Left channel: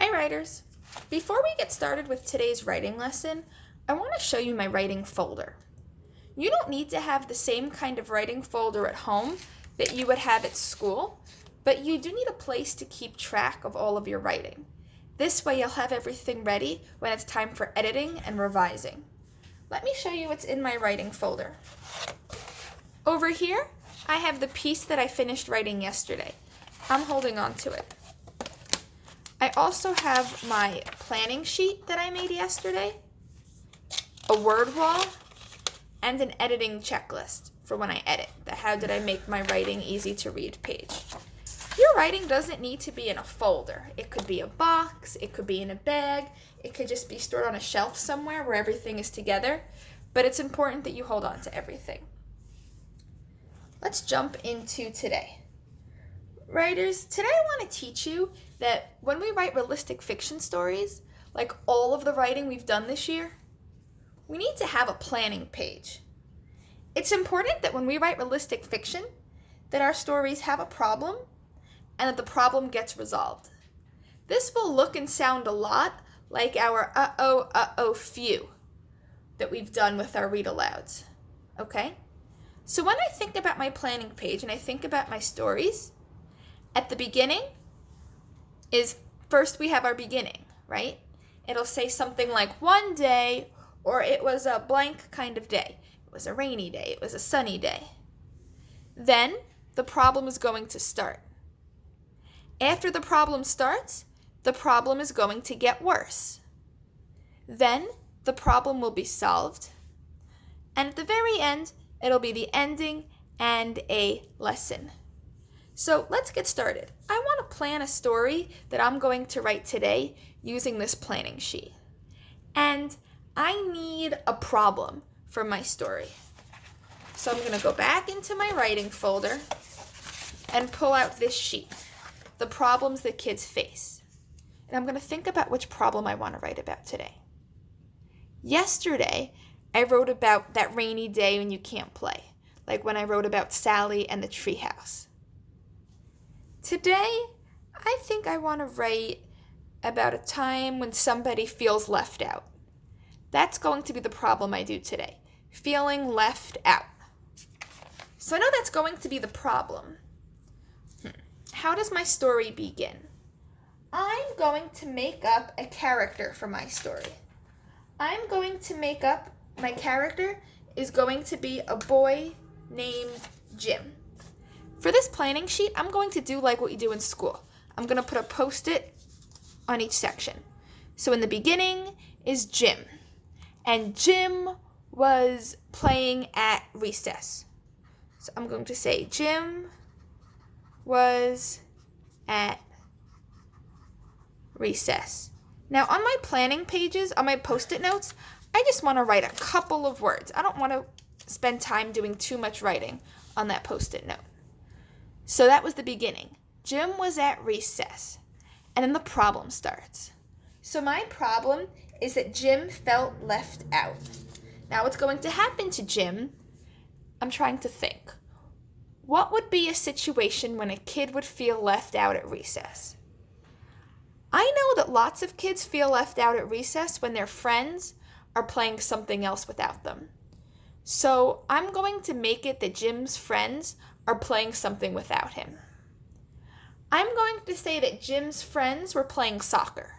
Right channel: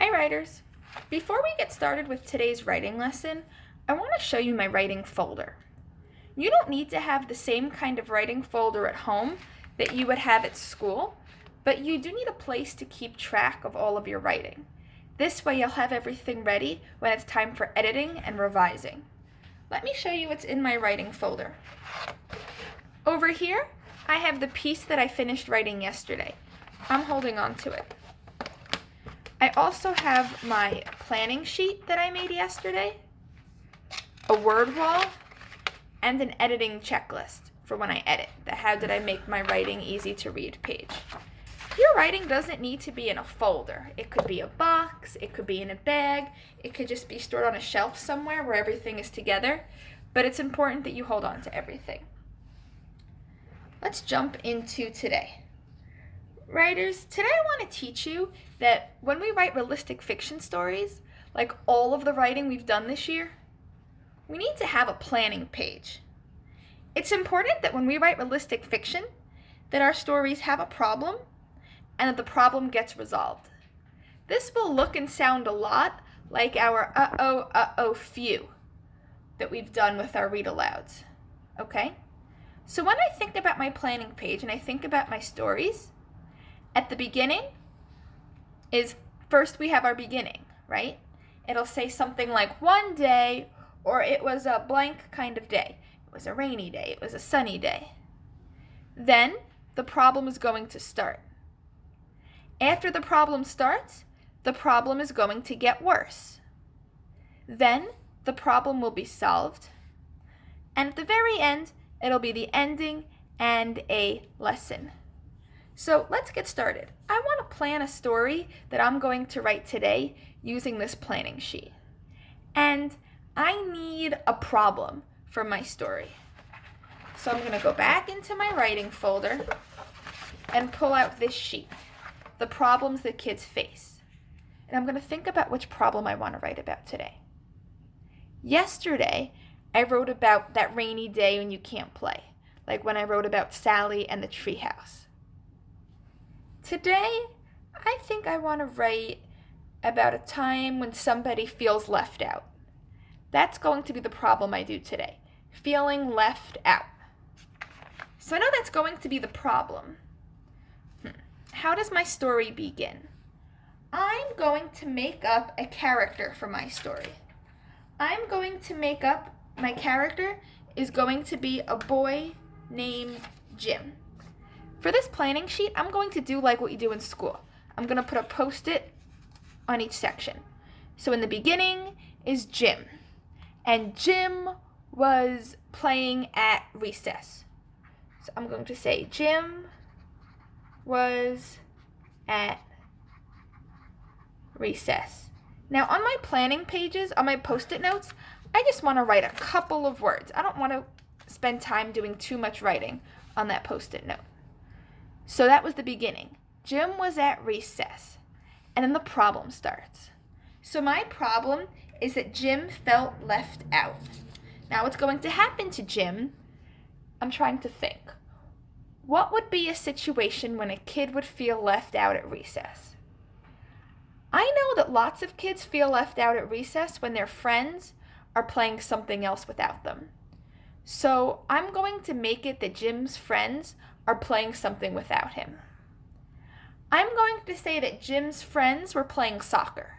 Hi writers! Before we get started with today's writing lesson, I want to show you my writing folder. You don't need to have the same kind of writing folder at home that you would have at school, but you do need a place to keep track of all of your writing. This way you'll have everything ready when it's time for editing and revising. Let me show you what's in my writing folder. Over here, I have the piece that I finished writing yesterday. I'm holding on to it. I also have my planning sheet that I made yesterday, a word wall, and an editing checklist for when I edit, the how did I make my writing easy to read page. Your writing doesn't need to be in a folder. It could be a box, it could be in a bag, it could just be stored on a shelf somewhere where everything is together, but it's important that you hold on to everything. Let's jump into today. Writers, today I want to teach you that when we write realistic fiction stories, like all of the writing we've done this year, we need to have a planning page. It's important that when we write realistic fiction, that our stories have a problem and that the problem gets resolved. This will look and sound a lot like our few that we've done with our read alouds, okay? So when I think about my planning page and I think about my stories, at the beginning is first we have our beginning, right? It'll say something like one day, or it was a blank kind of day. It was a rainy day, it was a sunny day. Then the problem is going to start. After the problem starts, the problem is going to get worse. Then the problem will be solved. And at the very end, it'll be the ending and a lesson. So let's get started. I want to plan a story that I'm going to write today using this planning sheet. And I need a problem for my story. So I'm going to go back into my writing folder and pull out this sheet, the problems that kids face. And I'm going to think about which problem I want to write about today. Yesterday, I wrote about that rainy day when you can't play, like when I wrote about Sally and the treehouse. Today, I think I want to write about a time when somebody feels left out. That's going to be the problem I do today, feeling left out. So I know that's going to be the problem. How does my story begin? I'm going to make up a character for my story. I'm going to make up my character is going to be a boy named Jim. For this planning sheet, I'm going to do like what you do in school. I'm going to put a Post-it on each section. So in the beginning is Jim. And Jim was playing at recess. So I'm going to say Jim was at recess. Now on my planning pages, on my Post-it notes, I just want to write a couple of words. I don't want to spend time doing too much writing on that Post-it note. So that was the beginning. Jim was at recess. And then the problem starts. So my problem is that Jim felt left out. Now what's going to happen to Jim? I'm trying to think. What would be a situation when a kid would feel left out at recess? I know that lots of kids feel left out at recess when their friends are playing something else without them. So I'm going to make it that Jim's friends are playing something without him. I'm going to say that Jim's friends were playing soccer,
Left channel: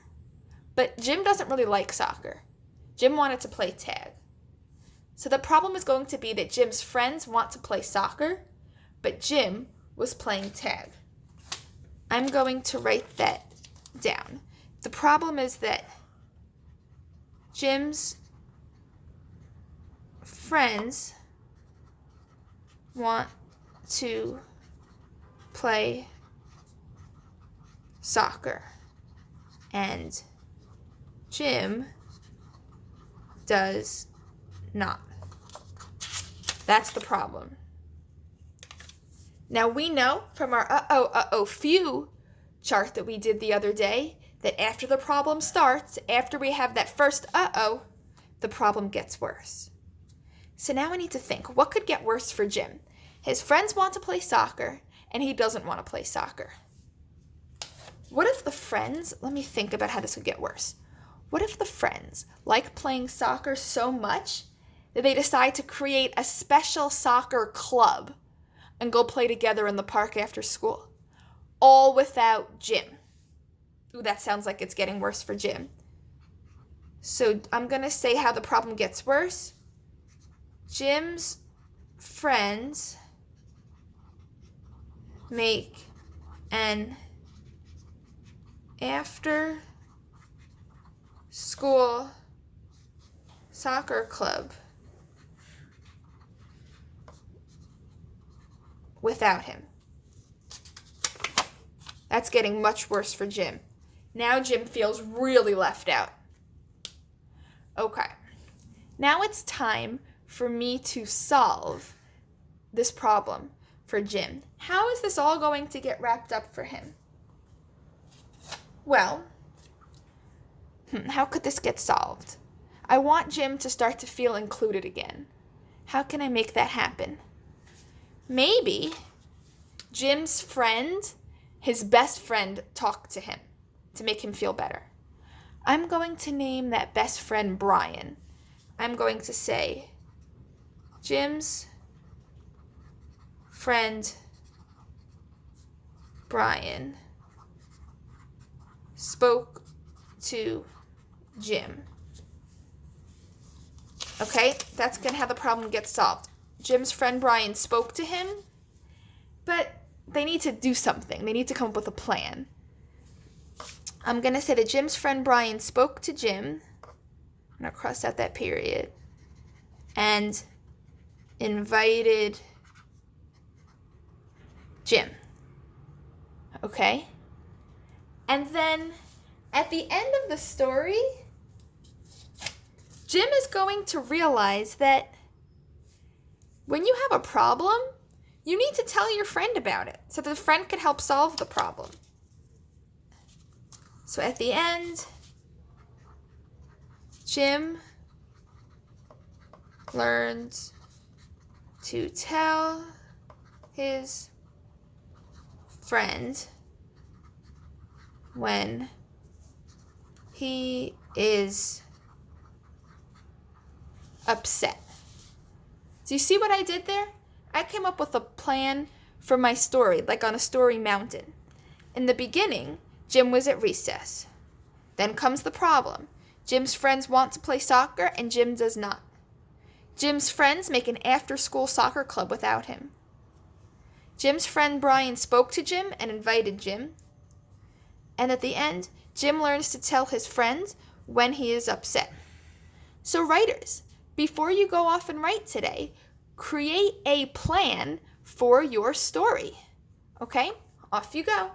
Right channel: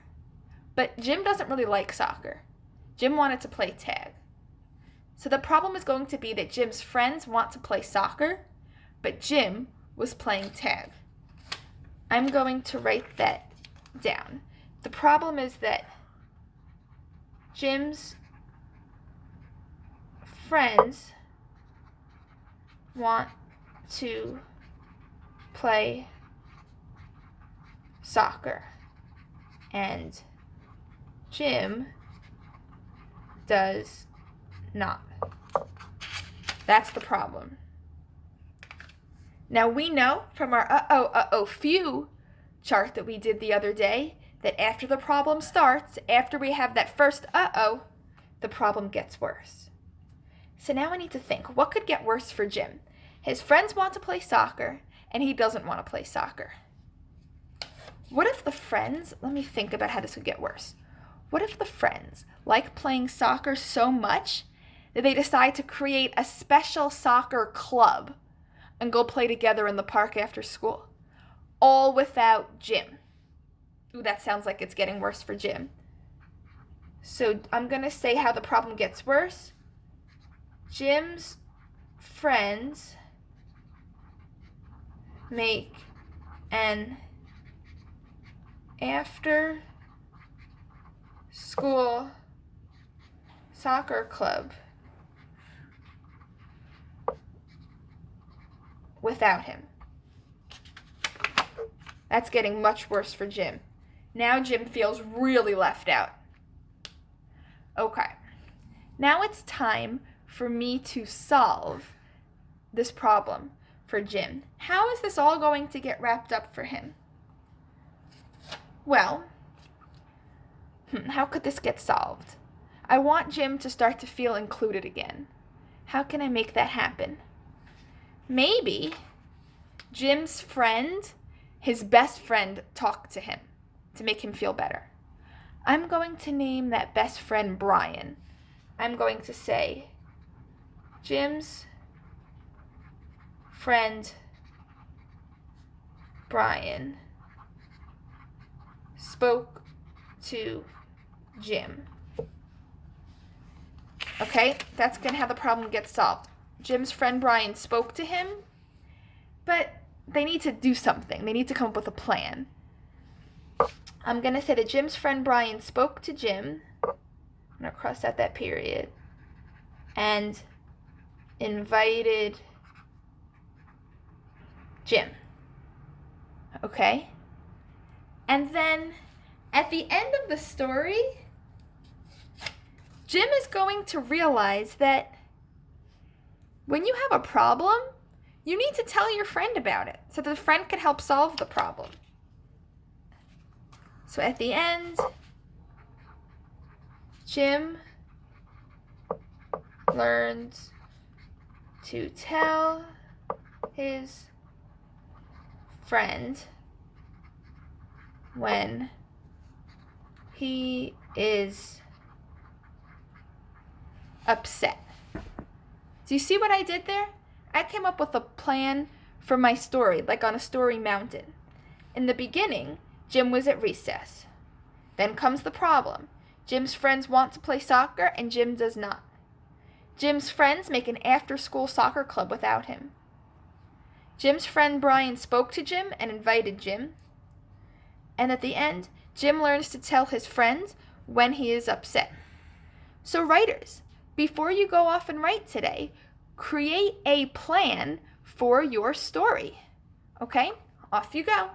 but Jim doesn't really like soccer. Jim wanted to play tag. So the problem is going to be that Jim's friends want to play soccer, but Jim was playing tag. I'm going to write that down. The problem is that Jim's friends want to play soccer and Jim does not. That's the problem. Now we know from our few chart that we did the other day that after the problem starts, after we have that first the problem gets worse. So now we need to think, what could get worse for Jim? His friends want to play soccer, and he doesn't want to play soccer. What if the friends, let me think about how this would get worse. What if the friends like playing soccer so much that they decide to create a special soccer club and go play together in the park after school? All without Jim. Ooh, that sounds like it's getting worse for Jim. So I'm going to say how the problem gets worse. Jim's friends make an after school soccer club without him. That's getting much worse for Jim. Now Jim feels really left out. Okay, now it's time for me to solve this problem for Jim. How is this all going to get wrapped up for him? Well, how could this get solved? I want Jim to start to feel included again. How can I make that happen? Maybe Jim's friend, his best friend, talked to him to make him feel better. I'm going to name that best friend Brian. I'm going to say, Jim's friend Brian spoke to Jim. Okay, that's going to how the problem gets solved. Jim's friend Brian spoke to him, but they need to do something. They need to come up with a plan. I'm going to say that Jim's friend Brian spoke to Jim. I'm going to cross out that period. And invited Jim. Okay? And then at the end of the story, Jim is going to realize that when you have a problem, you need to tell your friend about it so that the friend can help solve the problem. So at the end, Jim learns to tell his friend when he is upset. Do you see what I did there? I came up with a plan for my story, like on a story mountain. In the beginning, Jim was at recess. Then comes the problem. Jim's friends want to play soccer and Jim does not. Jim's friends make an after-school soccer club without him. Jim's friend Brian spoke to Jim and invited Jim. And at the end, Jim learns to tell his friends when he is upset. So writers, before you go off and write today, create a plan for your story. Okay? Off you go.